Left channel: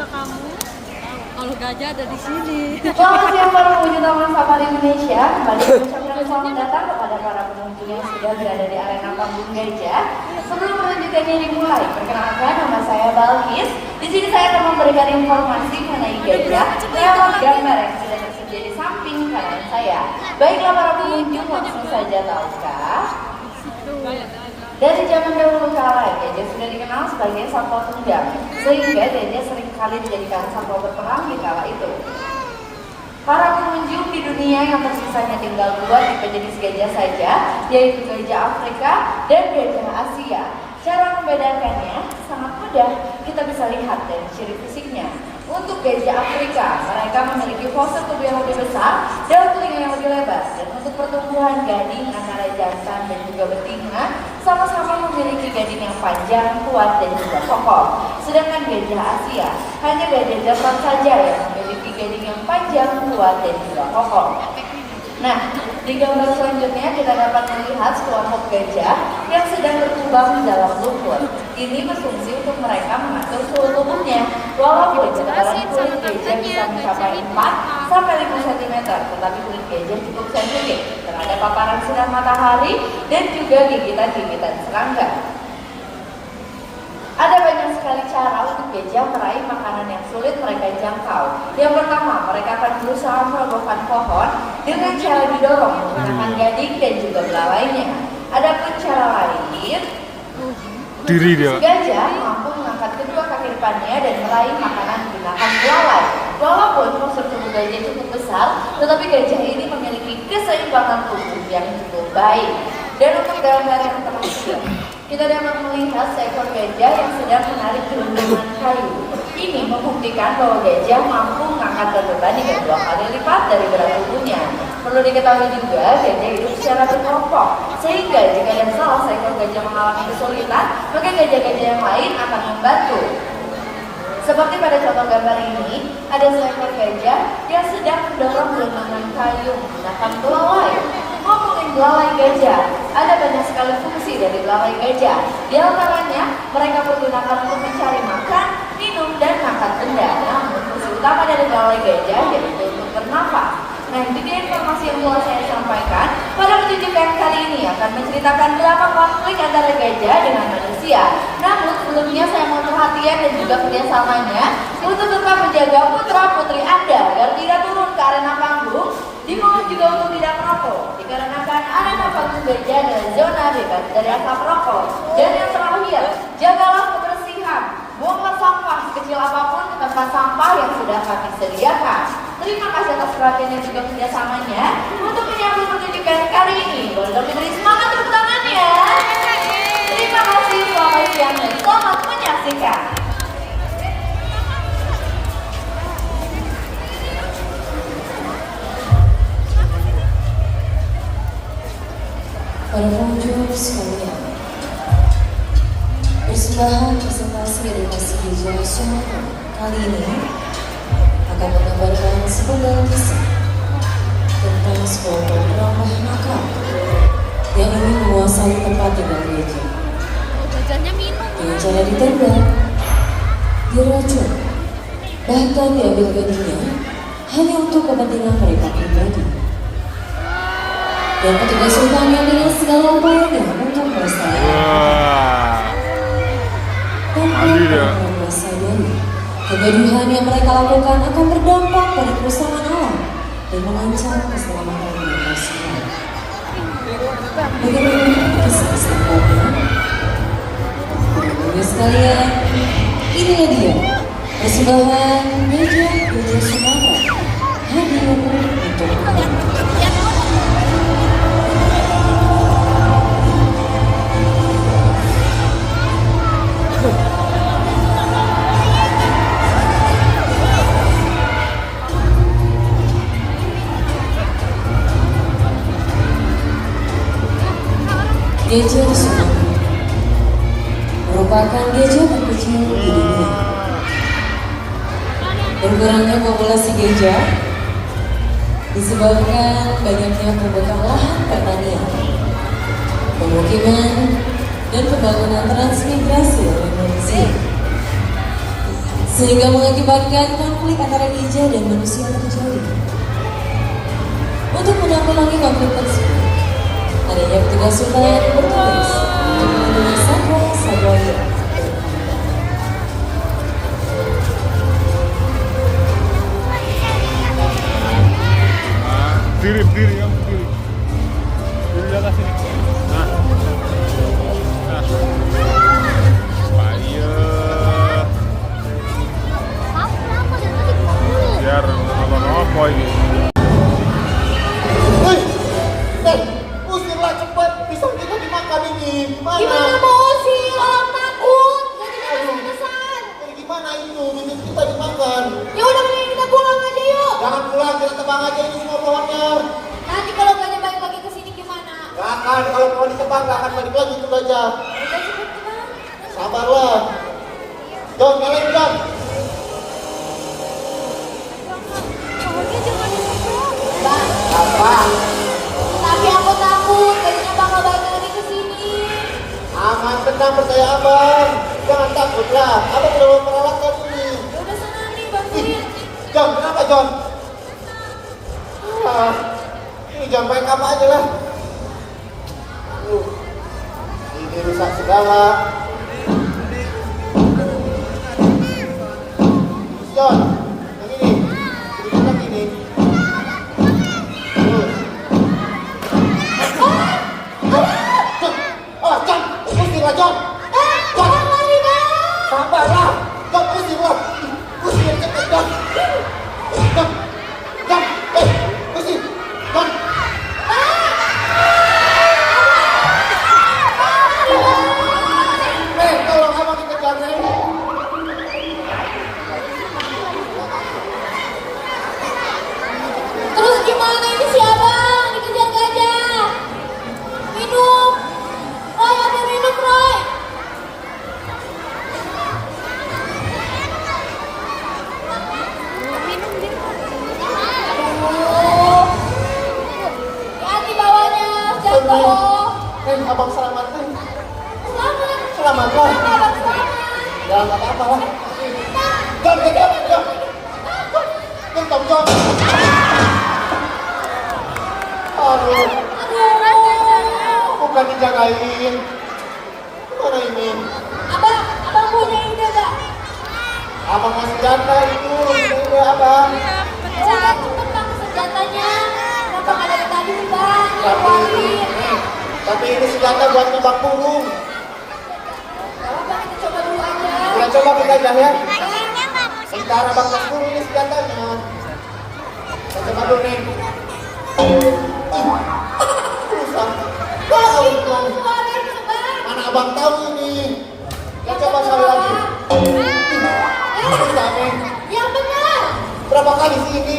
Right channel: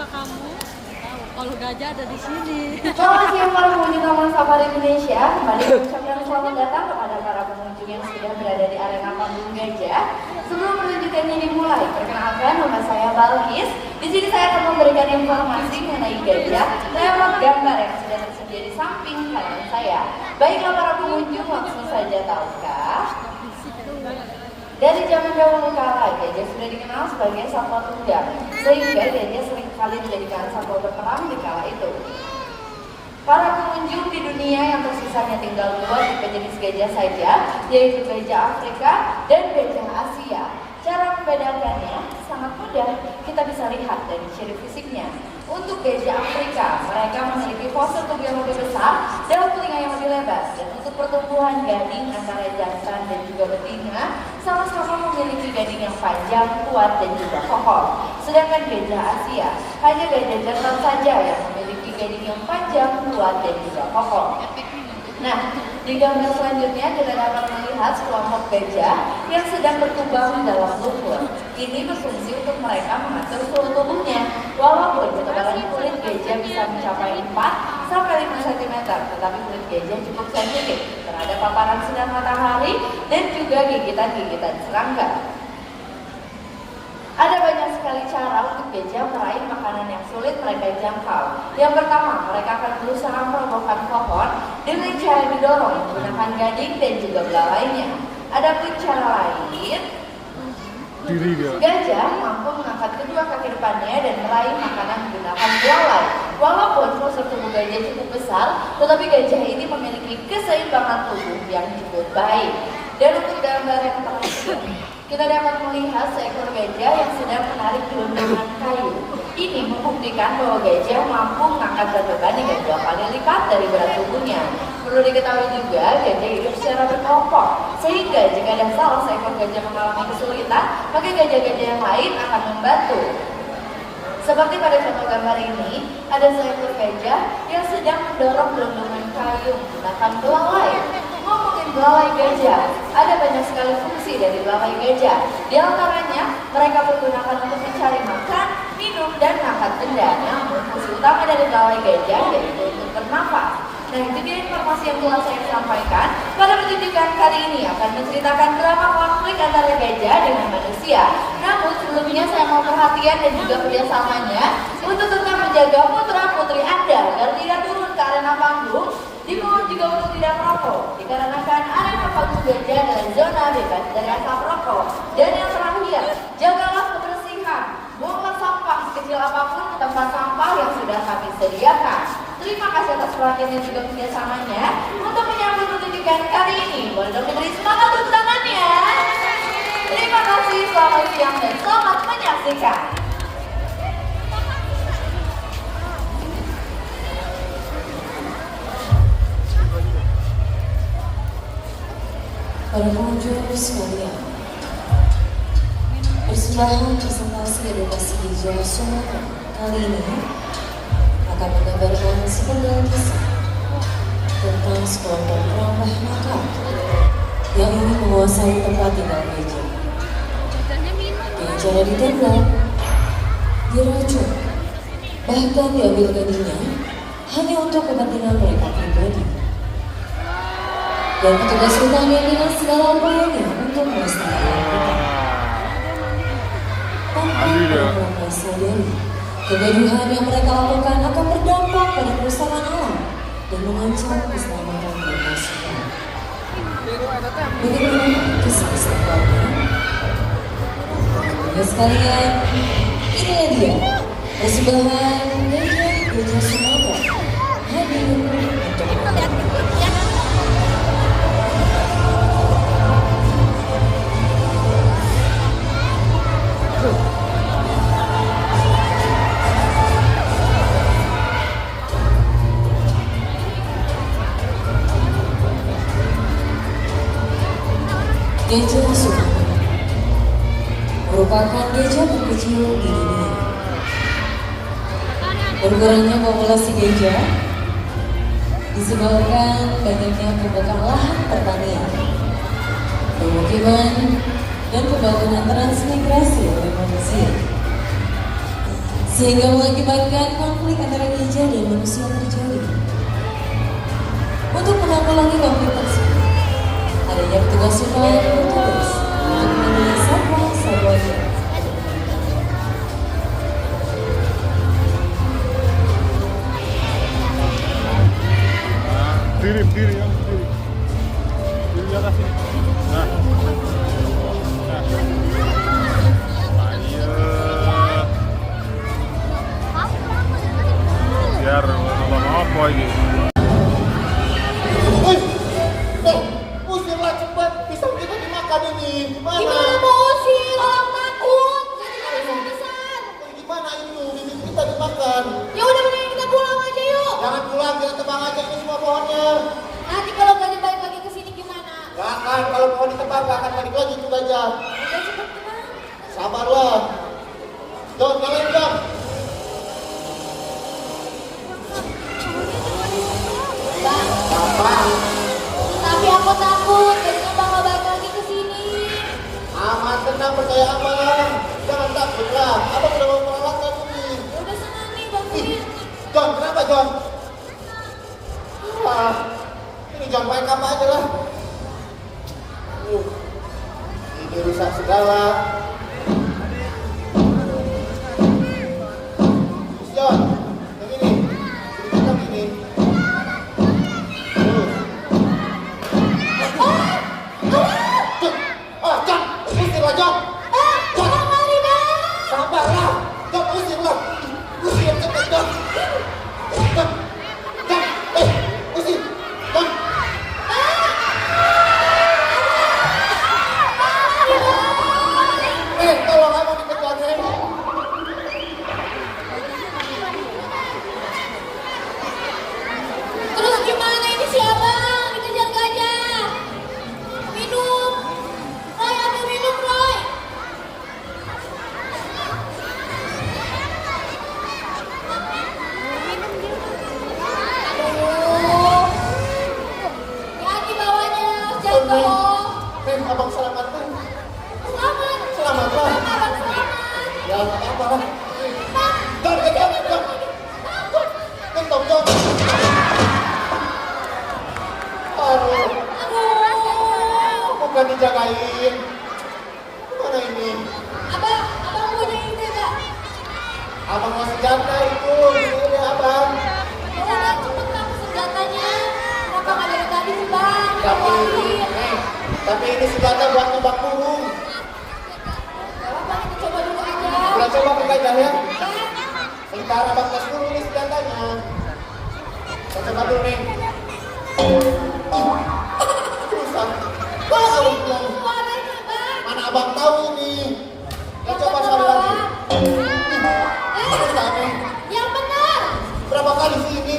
suka kamu? Tahu. Kalau gajah ada di sini. Selamat siang para pengunjung Taman Safari Indonesia. Kembali mengucapkan selamat datang kepada para pengunjung yang sudah berada di arena panggung gajah. Sebelum kelanjutannya dimulai, perkenalkan nama saya Balkis. Di sini saya akan memberikan informasi mengenai gajah lewat gambar yang sudah tersedia di samping kanan saya. Baiklah para pengunjung, langsung saja tahukah? Dari zaman dahulu kala, gajah sudah dikenal sebagai satwa tunggal, sehingga gajah seringkali dijadikan satwa berperang di kala itu. Para pengunjung di dunia yang tersisanya tinggal dua tipe jenis gajah saja, yaitu gajah Afrika dan gajah Asia. Cara membedakannya sangat mudah, kita bisa lihat dari ciri fisiknya. Untuk gajah Afrika, mereka memiliki fosil tubuh yang lebih besar dan telinga yang lebih lebar. Dan untuk pertumbuhan gading antara jantan dan juga betina, sama-sama memiliki gading yang panjang, kuat, dan juga kokoh. Sedangkan gajah Asia, hanya gajah jantan saja yang memiliki gading yang panjang, kuat, dan juga kokoh. Nah, di gambar selanjutnya kita dapat melihat sekelompok gajah yang sedang berkembang dalam lumpur. Ini berfungsi untuk mereka mengatur suhu tubuhnya. Walaupun ketebalan kulit gajah bisa mencapai 4 sampai 5 cm, tetapi kulit gajah cukup sensitif terhadap paparan sinar matahari dan juga gigitan-gigitan serangga. Ada banyak sekali cara untuk gajah meraih makanan yang sulit mereka jangkau. Yang pertama, mereka akan berusaha merobohkan pohon dengan cara didorong menggunakan gading dan juga belalainya. Adapun cara lain, gajah mampu mengangkat kedua kaki depannya dan meraih makanan menggunakan belalai. Walaupun postur tubuh gajah cukup besar, tetapi gajah ini memiliki keseimbangan tubuh yang cukup baik. Dan untuk gambar yang terakhir, kita dapat melihat seekor gajah yang sedang menarik gelondongan kayu. Ini membuktikan bahwa gajah mampu mengangkat beban hingga 2 kali lipat dari berat tubuhnya. Perlu diketahui juga, gajah hidup secara berkelompok, sehingga jika ada salah seekor gajah mengalami kesulitan, maka gajah-gajah yang lain akan membantu. Seperti pada contoh gambar ini, ada seekor gajah yang sedang mendorong gelondongan kayu menggunakan belalai. Ngomongin belalai gajah, ada banyak sekali fungsi dari belalai gajah. Di antaranya, mereka menggunakan untuk mencari makan, minum, dan makan benda. Namun, fungsi utama dari belalai gajah yaitu untuk bernafas. Nah, itu dia informasi yang telah saya sampaikan. Pada pertunjukan kali ini akan menceritakan drama konflik antara gajah dengan manusia. Namun, sebelumnya saya mau perhatian dan juga kerjasamanya untuk tetap menjaga putra-putri Anda agar tidak turun ke arena panggung. Dimohon juga untuk tidak merokok, dikarenakan arena panggung gajah adalah zona bebas dari asap rokok. Dan yang terakhir, jagalah kebersihan. Buanglah sampah sekecil apapun ke tempat sampah yang sudah kami sediakan. Terima kasih atas perhatian dan juga kerjasamanya untuk menyambut pertunjukan kali ini. Boleh dong beri semangat tepuk tangannya. Terima kasih, selamat siang dan selamat menyaksikan. Para pengunjung sekalian, persembahan presentasi edukasi gajah Sumatera kali ini akan menggambarkan sepenggal kisah tentang sekelompok ramah nakal yang ingin menguasai tempat tinggal gajah. Dengan cara ditendang, diracun, bahkan diambil gadingnya hanya untuk kepentingan mereka pribadi. Dan petugas hutannya dengan segala upayanya untuk melestarikan. Tanpa mereka sadari, kegaduhan yang mereka lakukan akan berdampak pada kerusakan alam dan mengancam keselamatan mereka semua. Bagaimana kisah selengkapnya? Teman-teman sekalian, inilah dia persembahan gajah Sumatera hadir untuk Anda. Gajah Sumatera merupakan gajah terkecil di dunia. Berkurangnya populasi gajah disebabkan banyaknya pembukaan lahan pertanian, pemukiman, dan pembangunan transmigrasi oleh manusia. sehingga mengakibatkan konflik antara gajah dan manusia terjadi. Untuk menanggulangi konflik tersebut, adanya petugas hutan yang bertugas untuk melindungi satwa-satwa liar. Diri ya, diri di atas sini. Nah, ayo. Biar nonton apa ini? Usirlah cepat, pisang kita dimakan ini. Gimana mau usir? Orang takut. Gajahnya besar-besar. Gimana itu? Bibit kita dimakan. Ya udah mending kita pulang aja yuk. Jangan pulang, kita tebang aja ini semua pohonnya. Nanti kalau gajah balik lagi ke sini gimana? Gak akan, kalau pohon ditebang gak akan balik lagi itu gajah. Udah cepet tenang. Sabarlah. John, nyalain John. Bang, Apa? tapi aku takut gajahnya bakal balik lagi ke sini. Aman, tenang, percaya abang. Jangan takutlah, abang sudah memperalakan ini. Ya udah sana nih bantuin. John, kenapa John? Ah, ini John main apa aja lah. Ini rusak segala. John, yang ini. Yang ini. Oh, John, usirlah John. John, sabarlah. John, usirlah. Usir cepet John. John, John, usir. John. Tolong abang dikejar nih. Terus gimana ini si abang dikejar gajah? Minum. Roy, ambil minum Roy. Aduh. Hati bawahnya jatuh. Abang selamatkan. Selamat. Selamatlah. Abang selamat. Ya nggak apa-apa lah. John, John, John. John, John. Aduh, bukan dijagain. Mana ini? Abang punya ide gak? Abang kasih jatah itu. Ini abang. Udah cepet kamu senjatanya. Kenapa nggak dari tadi sih bang? Tapi ini senjata buat tebak burung. Gak apa-apa, kita coba dulu aja. Kita coba ke gajah ya. Sebentar abang tes dulu ini senjatanya. Kita coba dulu nih. Rusak. Mana abang tahu ini? Kita coba sekali lagi. Rusak nih. Yang benar. Berapa kali sih ini?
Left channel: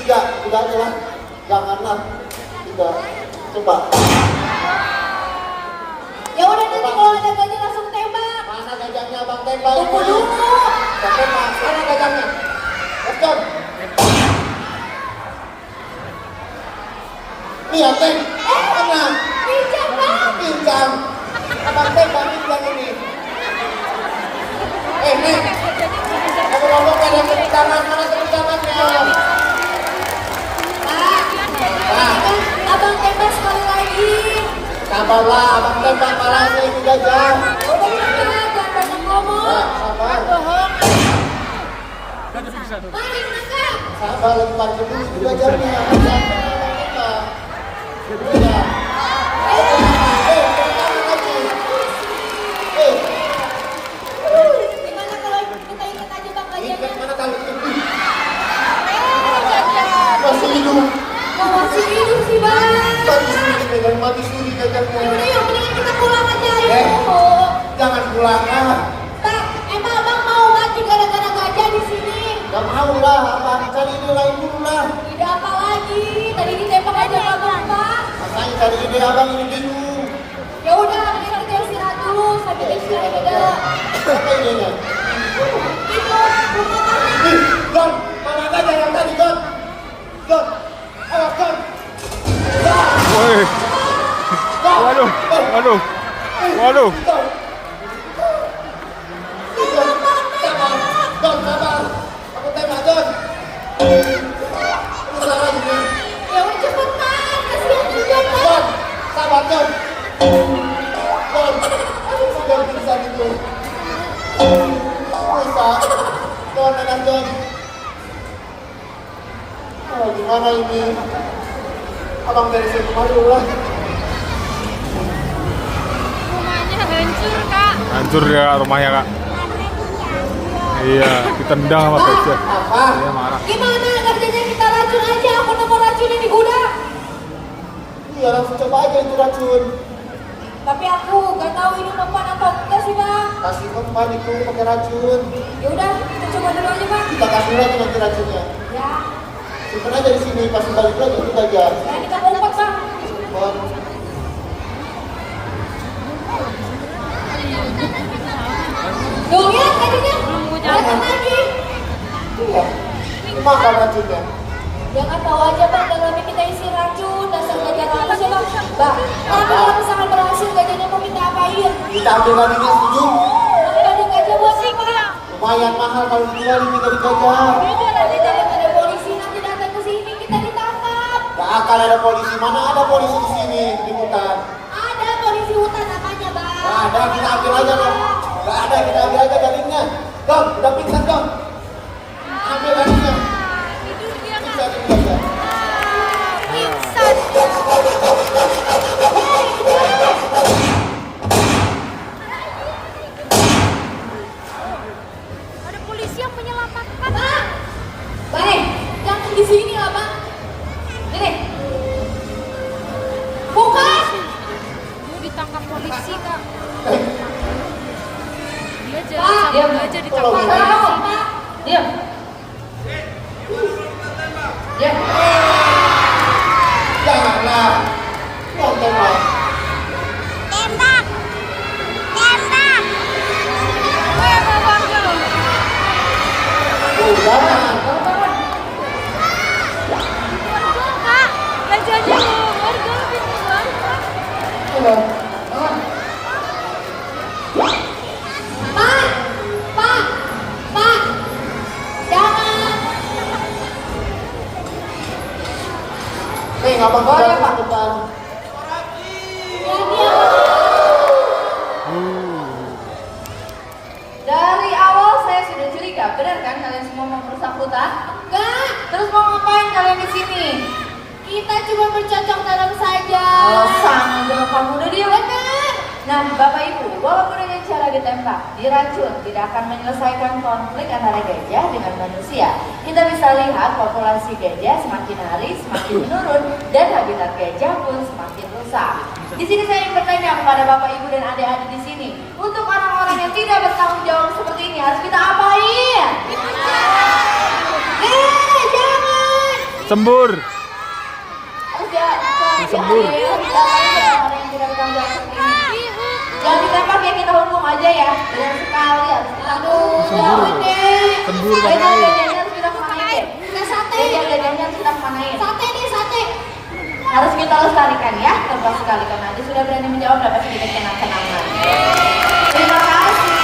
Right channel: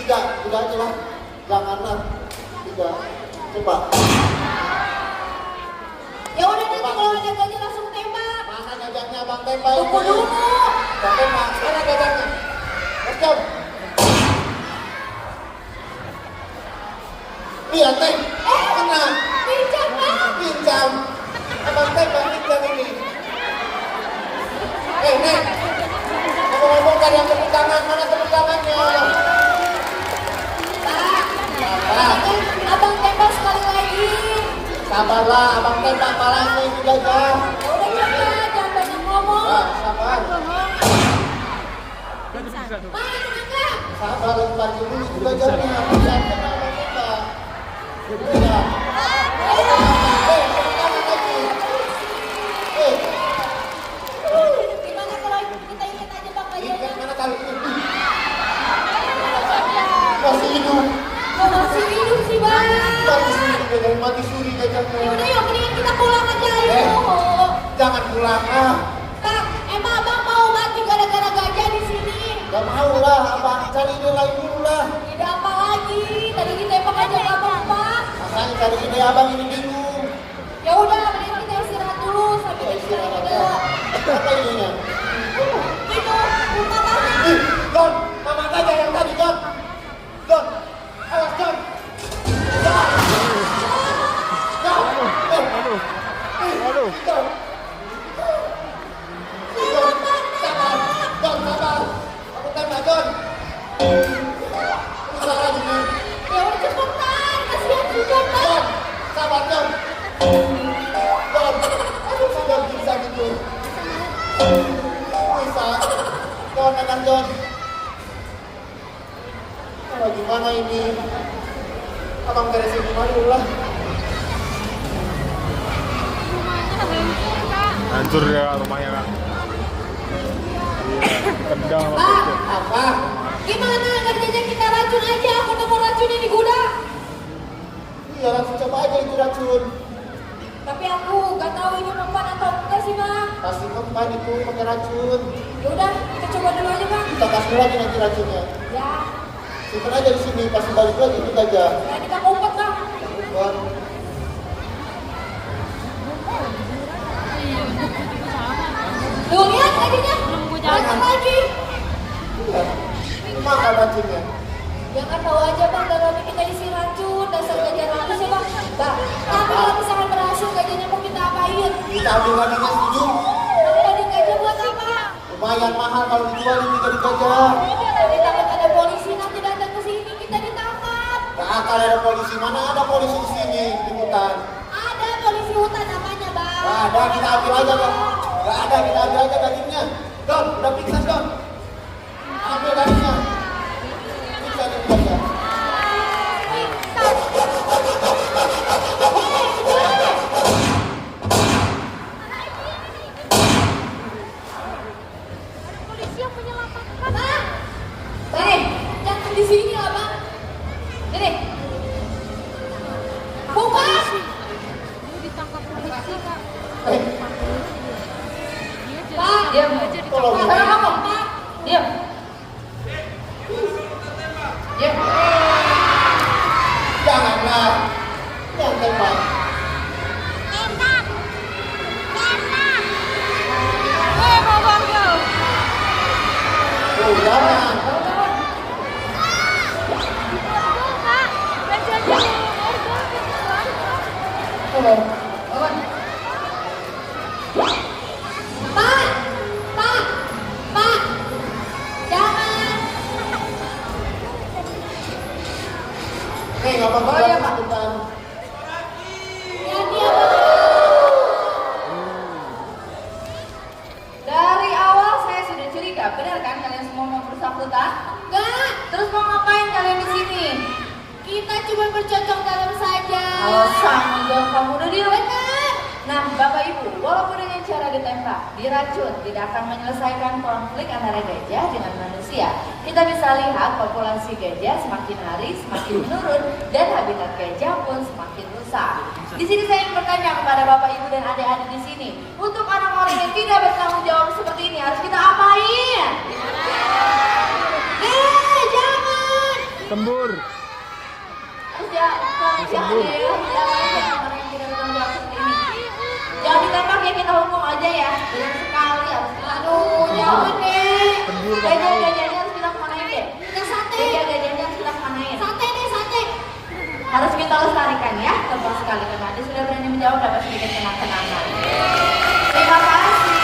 3 aja lah. Janganlah. 3. Coba. Ya udah nanti kalau ada gajah langsung tembak. Mana gajahnya abang tembak? Tunggu dulu. Abang tembak. Mana gajahnya? Let's go. Iya, Teng. Tenang. Pincang bang. Pincang. Abang tembak pincang ini. Nek. Ngomong-ngomong kan yang tepuk tangan. Mana tepuk tangannya? Pak. Pak. Kan abang tembak sekali lagi. Sabarlah, abang tembak palanya ini gajah. Ya udah cepet, jangan banyak ngomong. Nah, sabar. Pak, nangkap. Sabar lagi parkir dulu itu gajahnya. Jangan kena abang tembak. Iya. Tepuk tangan lagi. Gimana kalau kita ikat aja bang Ikat gajahnya? mana tali ini? Masih hidup. Kok masih hidup sih bang? Mati suri gajahnya. Ya udah yuk, mendingan kita pulang aja Eh. yuk. Jangan pulang ah. Bang, emang abang mau mati gara-gara gajah di sini? Gak mau lah, abang cari ide lain dulu lah. Ide apa lagi? Tadi ditembak aja gak bang. Makanya cari ide abang ini bingung. Ya udah, mendingan kita istirahat dulu sambil kita cari ide. Apa idenya? Itu, rumah tadi. Ih, John, mana gajah yang tadi John? John, awas John. John, Woi, John. waduh, waduh, waduh. John. John, sabar. Sabar, John. John bisa gitu. Bisa. John, tenang, John. Oh, gimana ini? Abang dari sini dulu lah. Hancur ya rumahnya kak. Iya, ditendang sama gajah. Apa? Gimana kerjanya kita racun aja? Aku nemu racunnya di gudang. Iya, langsung coba aja itu racun. Tapi aku gak tahu ini mempan atau enggak sih bang. Kasih mempan itu pakai racun. Ya udah, kita coba dulu aja bang. Kita kasih lagi nanti racunnya. Ya, Simpen aja di sini, kasih balik lagi itu gajah. ya kita ngumpet bang. Simpen. Tuh lihat tadinya. Belum gue jalan. Racun lagi. Iya. Makan racunnya. Ya kan tahu aja bang, dalamnya kita isi racun. Dasar jajan rakus ya bang. Bang, tapi kalau misalkan berhasil gajahnya mau kita apain? Kita ambil lagi nih, setuju? Jadi gajah buat sih dia. Lumayan mahal kalau dijual ini jadi gajah. Nanti takut ada polisi nanti datang ke sini kita ditangkap. Gak akan ada polisi, mana ada polisi di sini di hutan. Ada polisi hutan namanya bang. Gak ada, kita ambil aja dong. Gak ada, kita ambil aja dagingnya. Dong, udah pingsan dong. Ambil dagingnya. Pingsan ini gajah. Ada polisi yang menyelamatkan. Bang, bang, jangan di sini lah bang. Ini, buka. Dia ditangkap polisi kak. Eh, Dia jadi Pak, sama diam. aja Tolong. ditangkap. Salah kamu, Pak. Diam. Diam. janganlah. Jangan tembak. Tembak. Tembak. Weh, Bang Jo. Oh, jangan. Kak, gajahnya warga lebih banget. Tolong. Pak, Pak, Pak. Jangan. Nih, nggak apa-apa ya, Pak. Bentar. Ya diam. Dari awal saya sudah curiga, benar kan kalian semua mau merusak hutan? Enggak. Terus mau ngapain kalian di sini? Kita cuma bercocok tanam saja. Oh, sama dong kamu udah dia benar. Nah, Bapak Ibu, walaupun dengan cara ditembak, diracun, tidak akan menyelesaikan konflik antara gajah dengan manusia. Kita bisa lihat populasi gajah semakin hari semakin menurun dan habitat gajah pun semakin rusak. Di sini saya ingin bertanya kepada Bapak Ibu dan adik-adik di sini, untuk orang-orang yang tidak bertanggung jawab seperti ini harus kita apain? Jangan. Sembur. Harus ya, Sembur. kita apain orang yang tidak bertanggung jawab seperti ini. Jangan ditembak ya, kita hukum aja ya. Dengan sekali harus kita jangan deh. Sembur, Gajah-gajahnya harus kita kemanain deh. Gajah-gajahnya harus kita kemanain. Sate. Harus kita lestarikan ya. Lepas sekali karena Anda sudah berani menjawab dapat sedikit kenang-kenangan. Terima kasih.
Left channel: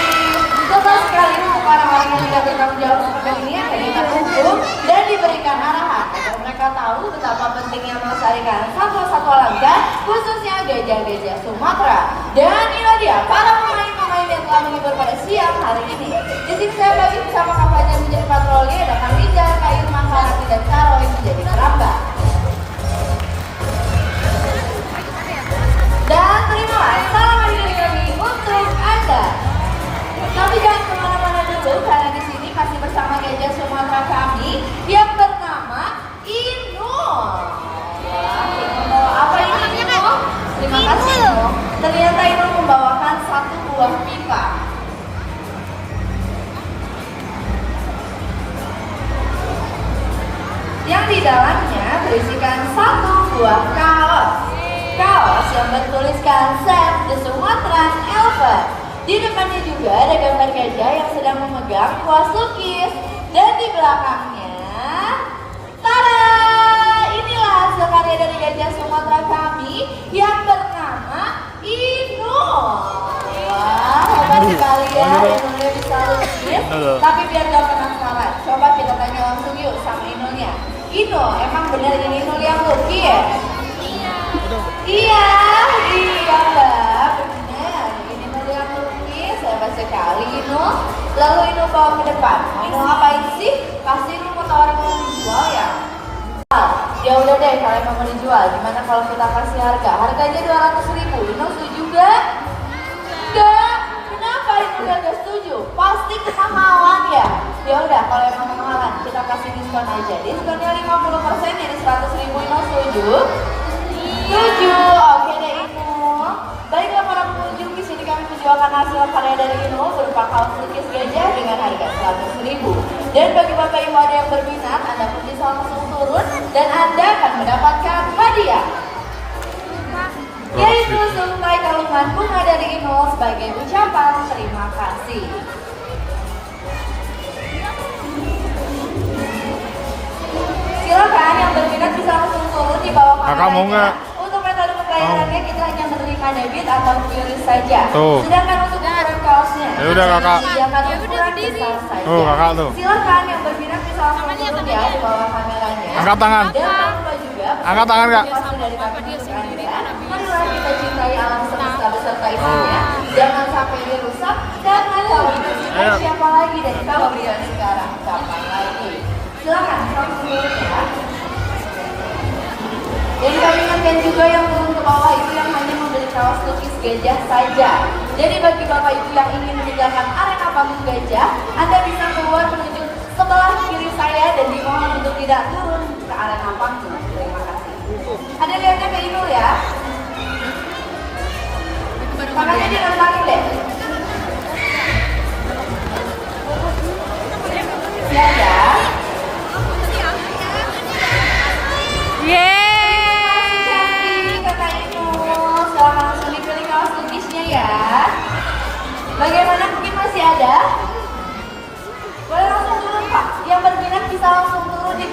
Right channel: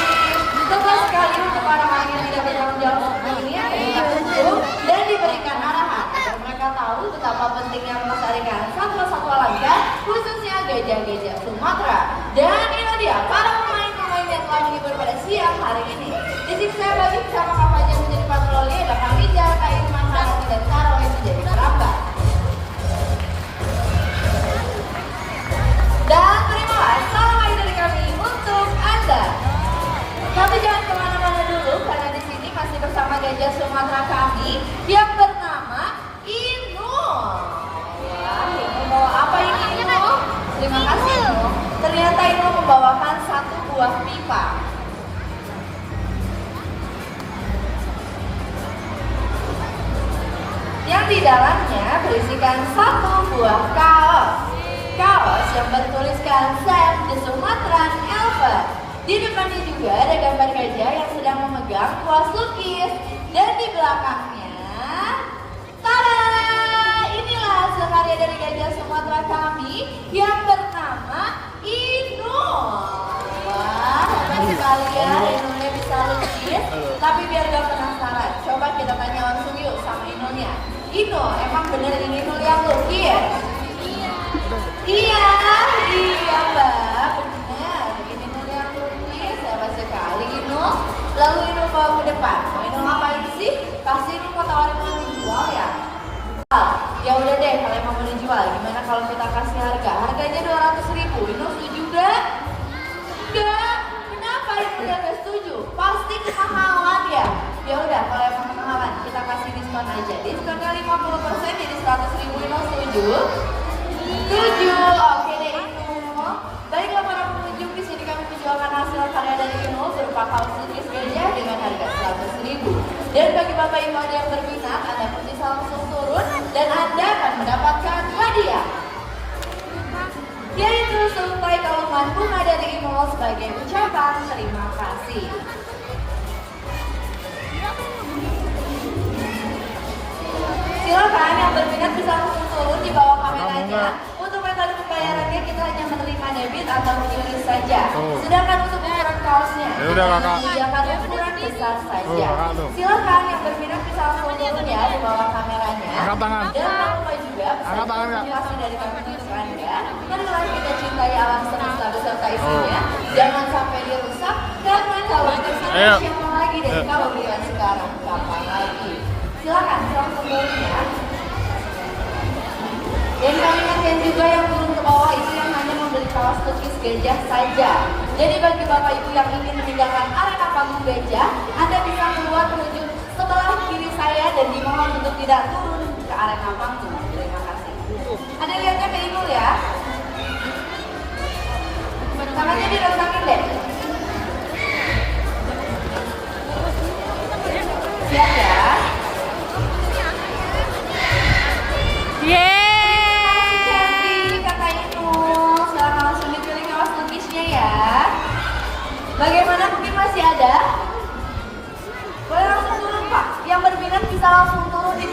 Lepas sekali untuk orang-orang yang tidak bertanggung jawab seperti ini akan kita hukum dan diberikan arahan agar mereka tahu betapa pentingnya melestarikan satwa-satwa langka khususnya gajah-gajah Sumatera. Dan inilah dia para pemain-pemain yang telah menghibur pada siang hari ini. Di sini saya bagi bersama kapalnya menjadi patroli, ada Kang Rizal, Kak Irman, Harati, dan Saro yang menjadi perambah. Dan terimalah salam lagi dari kami untuk Anda. Tapi jangan kemana-mana dulu, karena di sini masih bersama gajah Sumatera kami yang bernama Inul. Inul bawa apa ini Inul? Terima kasih Inul. Ternyata Inul membawakan satu buah pipa. Yang di dalamnya berisikan satu buah kaos. Kaos yang bertuliskan Save the Sumatran Elephant. Di depannya juga ada gambar gajah yang sedang memegang kuas lukis. Dan di belakangnya, tada! Inilah hasil karya dari gajah Sumatera kami yang bernama Inul. Wah, hebat sekali ya, Inulnya bisa lukis. Tapi biar gak penasaran, coba kita tanya langsung yuk sama Inulnya. Inul, emang bener ini Inul yang lukis? Iya Mbak, benar. Ini mau yang lukis, hebat sekali Inul. Lalu Inul bawa ke depan. Mau Inul ngapain sih? Pasti Inul mau tawarin mau dijual ya? Ya udah deh, kalian mau dijual. Gimana kalau kita kasih harga? Harganya 200.000. Inul setuju gak? Enggak. Kenapa Inul gak setuju? Pasti kemahalan ya? Ya udah, kalau emang kemahalan, kita kasih diskon aja. Diskonnya 50% jadi 100.000. Inul setuju? Setuju. Oke deh Inul. Baiklah para pengunjung, di sini kami menjualkan hasil karya dari Inul berupa kaos lukis gajah dengan harga 100.000. Dan bagi Bapak Ibu ada yang berminat, Anda pun bisa langsung turun dan Anda akan mendapatkan hadiah, yaitu selai kalungan bunga dari Inul sebagai ucapan terima kasih. Silakan yang berminat bisa langsung turun di bawah kameranya. Untuk metode pembayarannya kita hanya menerima debit atau QRIS saja. Sedangkan untuk ukuran kaosnya Ya udah, Kakak. disediakan ukuran besar saja. Kakak tuh. Silakan yang berminat bisa langsung turun ya di bawah kameranya. Angkat tangan. Dan jangan lupa juga Angkat tangan, Kak. pasti dari kami untuk Anda. Marilah kita cintai alam semesta beserta isinya. Jangan sampai dirusak karena kalau kita siapa lagi dan kalau bukan sekarang kapan lagi. Silakan langsung turun ya. Dan kami ingatkan juga yang turun ke bawah itu yang hanya membeli kaos lukis gajah saja. Jadi bagi Bapak Ibu yang ingin meninggalkan arena panggung gajah, Anda bisa keluar menuju sebelah kiri saya dan dimohon untuk tidak turun ke arena panggung. Terima kasih. Ada lihatnya Mbak Inul ya? Tangannya direntangin deh. Siap ya? Bagaimana, mungkin masih ada? Boleh langsung turun Pak. Yang berminat bisa langsung turun di